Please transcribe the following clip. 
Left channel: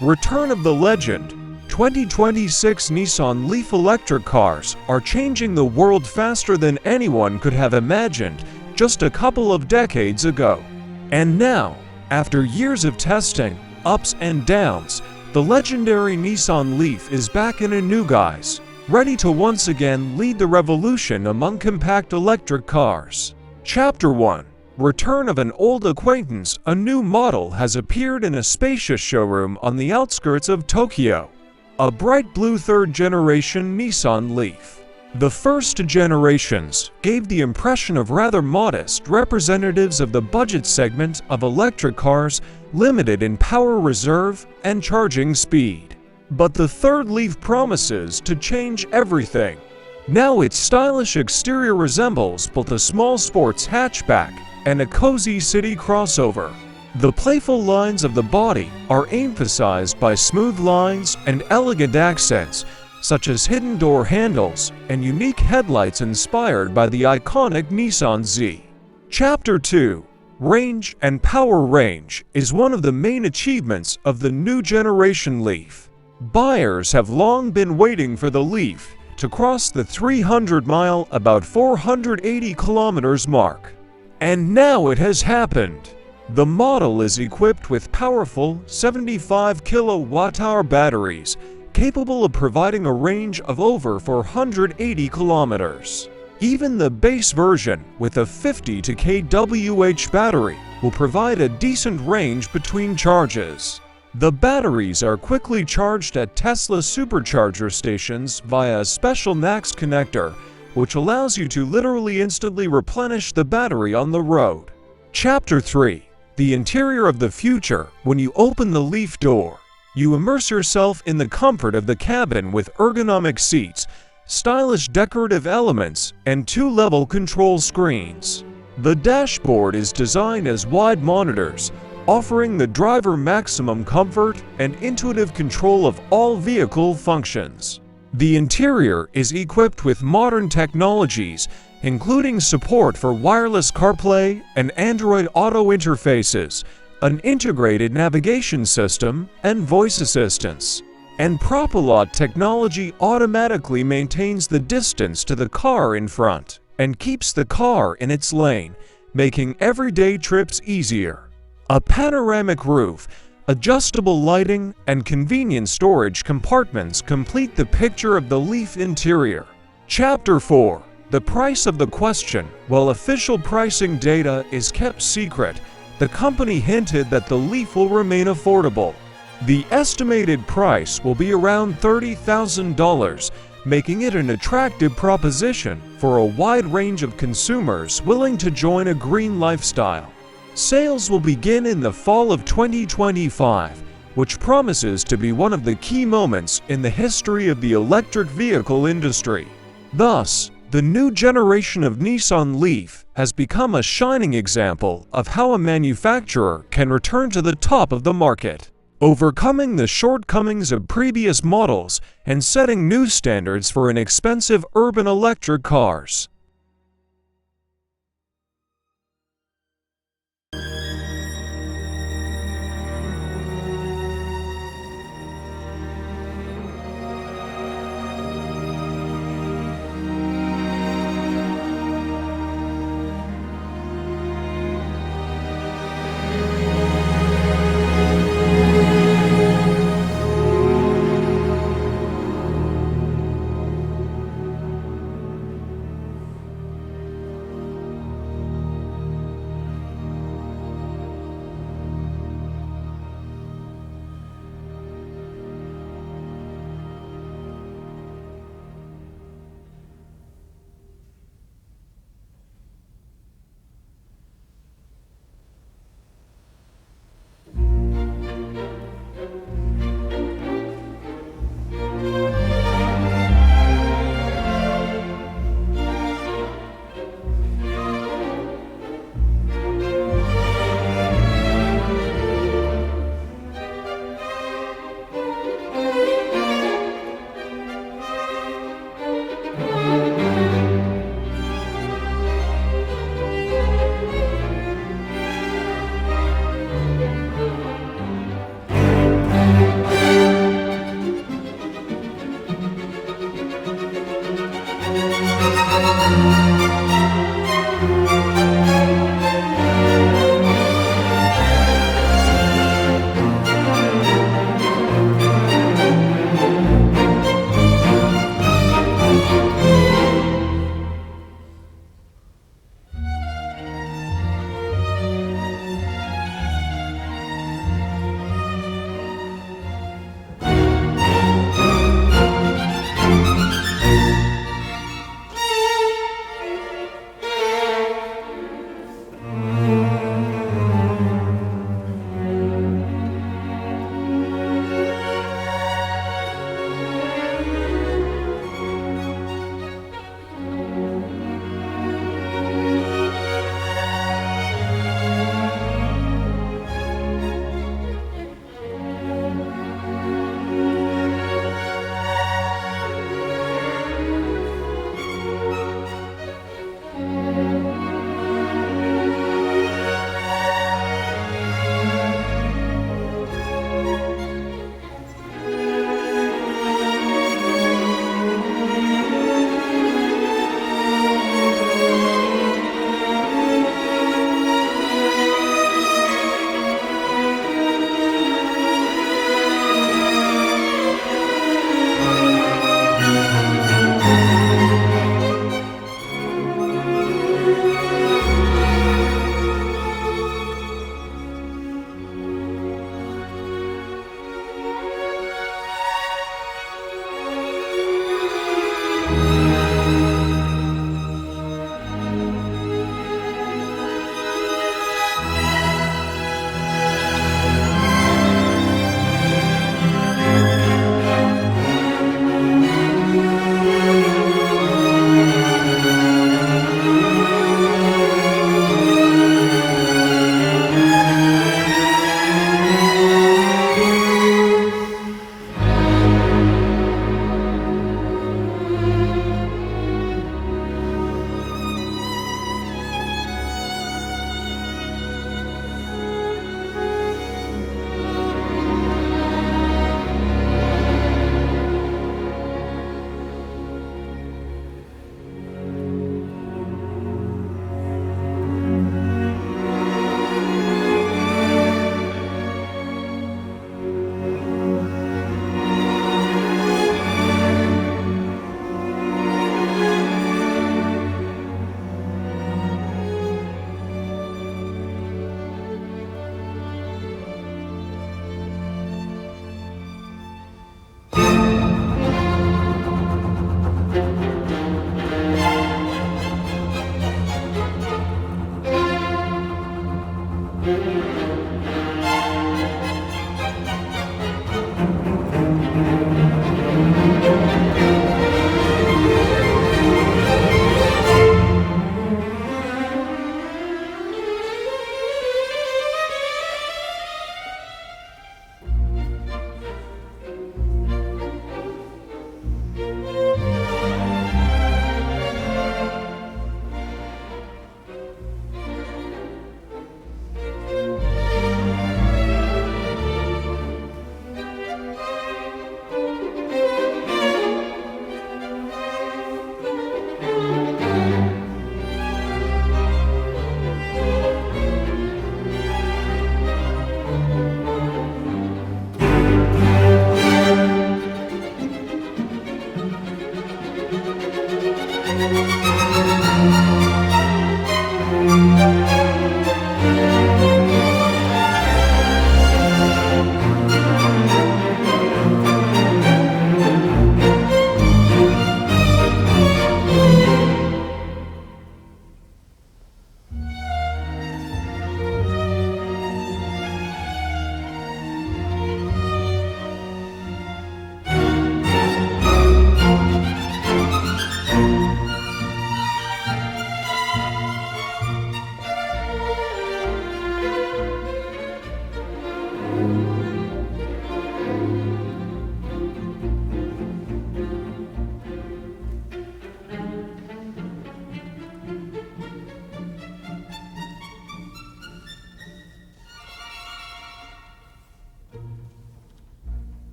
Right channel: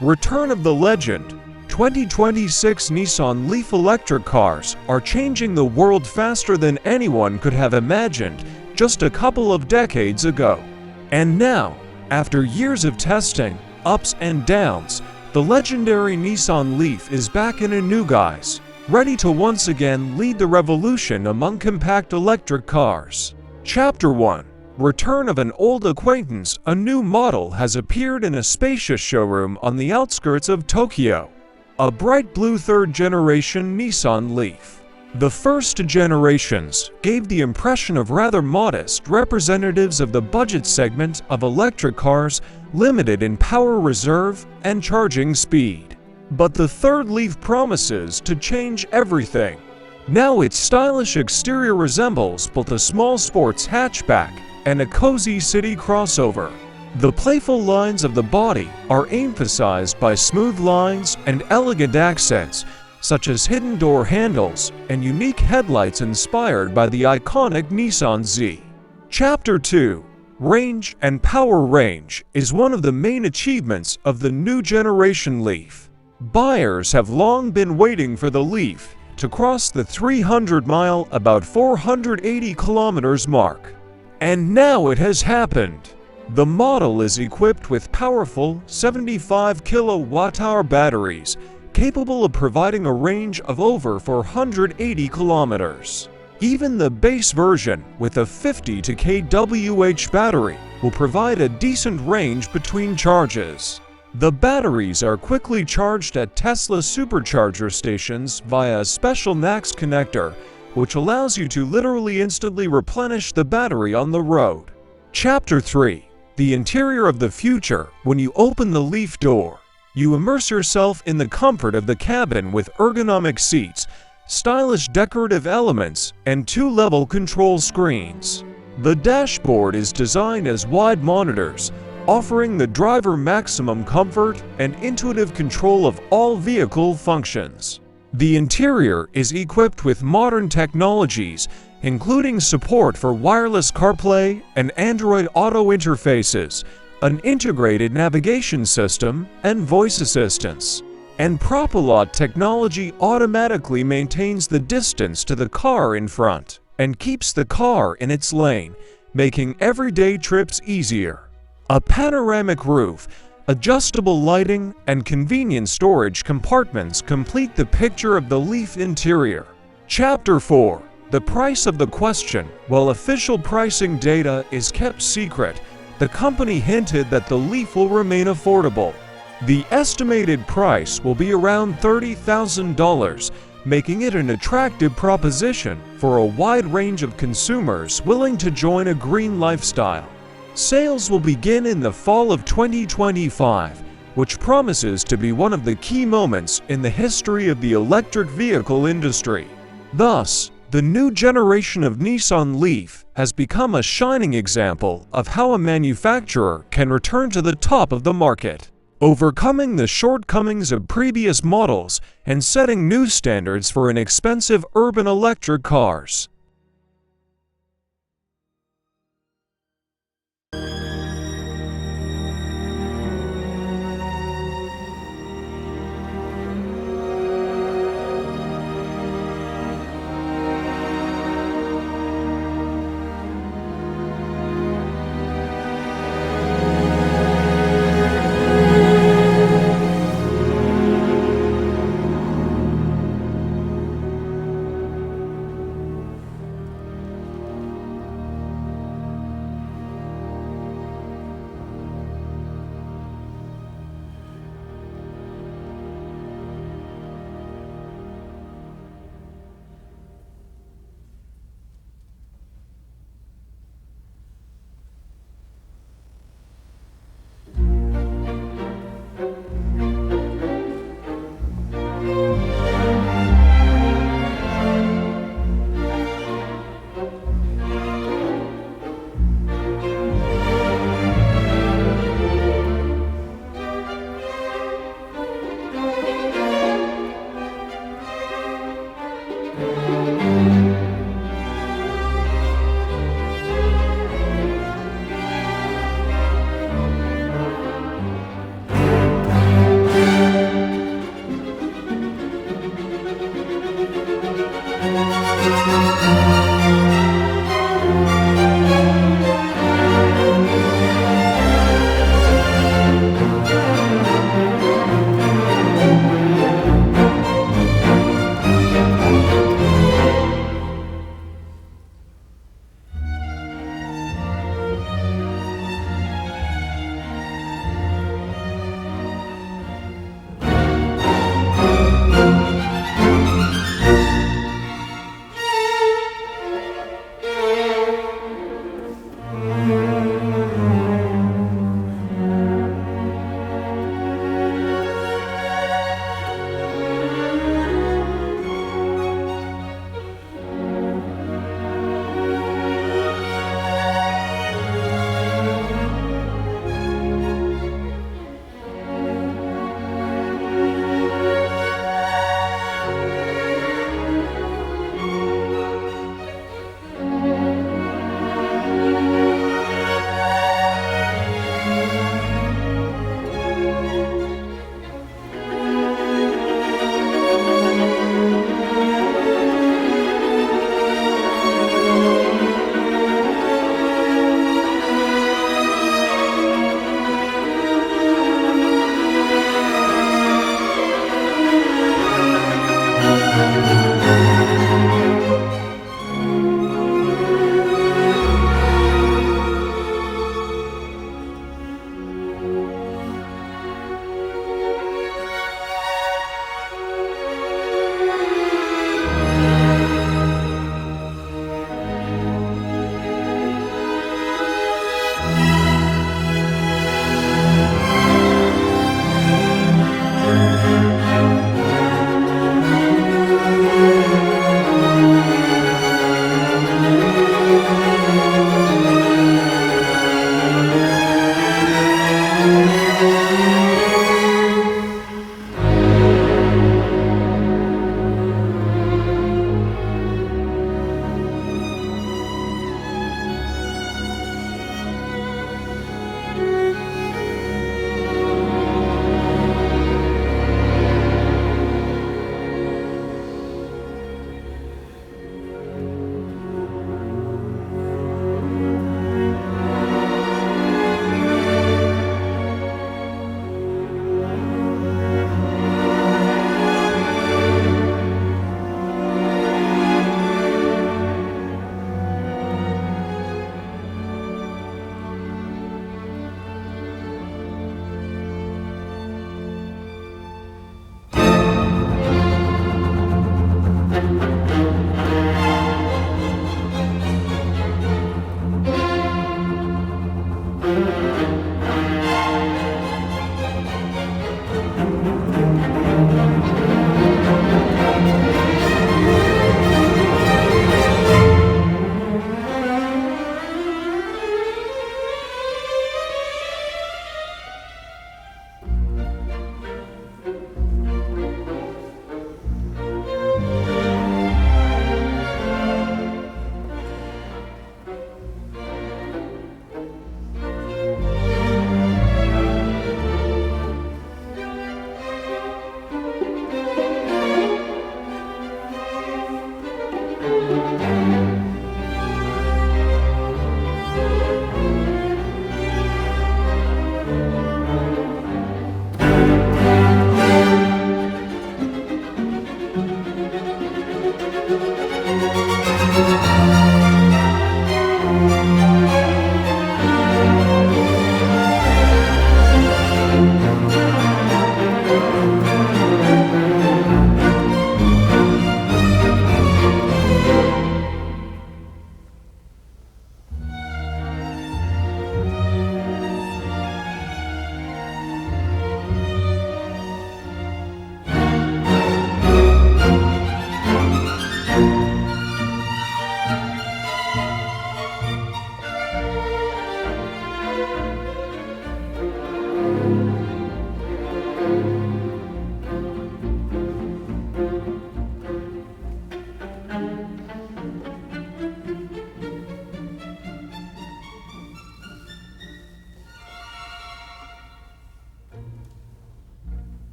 Return of the legend. 2026 Nissan Leaf electric cars are changing the world faster than anyone could have imagined just a couple of decades ago. And now, after years of testing, ups and downs, the legendary Nissan Leaf is back in a new guise, ready to once again lead the revolution among compact electric cars. Chapter 1. Return of an old acquaintance. A new model has appeared in a spacious showroom on the outskirts of Tokyo. A bright blue third-generation Nissan Leaf. The first generations gave the impression of rather modest representatives of the budget segment of electric cars, limited in power reserve and charging speed. But the third Leaf promises to change everything. Now its stylish exterior resembles both a small sports hatchback and a cozy city crossover. The playful lines of the body are emphasized by smooth lines and elegant accents, such as hidden door handles and unique headlights inspired by the iconic Nissan Z. Chapter 2. Range and power. Range is one of the main achievements of the new generation Leaf. Buyers have long been waiting for the Leaf to cross the 300-mile, about 480 kilometers mark. And now it has happened. The model is equipped with powerful 75 kilowatt-hour batteries, capable of providing a range of over 480 kilometers. Even the base version, with a 50 kWh battery, will provide a decent range between charges. The batteries are quickly charged at Tesla supercharger stations via a special NACS connector, which allows you to literally instantly replenish the battery on the road. Chapter 3. The interior of the future. When you open the Leaf door, you immerse yourself in the comfort of the cabin with ergonomic seats, stylish decorative elements, and two-level control screens. The dashboard is designed as wide monitors, offering the driver maximum comfort and intuitive control of all vehicle functions. The interior is equipped with modern technologies, including support for wireless CarPlay and Android Auto interfaces, an integrated navigation system, and voice assistance. And Propilot technology automatically maintains the distance to the car in front and keeps the car in its lane, making everyday trips easier. A panoramic roof, adjustable lighting, and convenient storage compartments complete the picture of the Leaf interior. Chapter 4. The price of the question. While official pricing data is kept secret, the company hinted that the Leaf will remain affordable. The estimated price will be around $30,000, making it an attractive proposition for a wide range of consumers willing to join a green lifestyle. Sales will begin in the fall of 2025, which promises to be one of the key moments in the history of the electric vehicle industry. Thus, the new generation of Nissan Leaf has become a shining example of how a manufacturer can return to the top of the market, overcoming the shortcomings of previous models and setting new standards for inexpensive urban electric cars.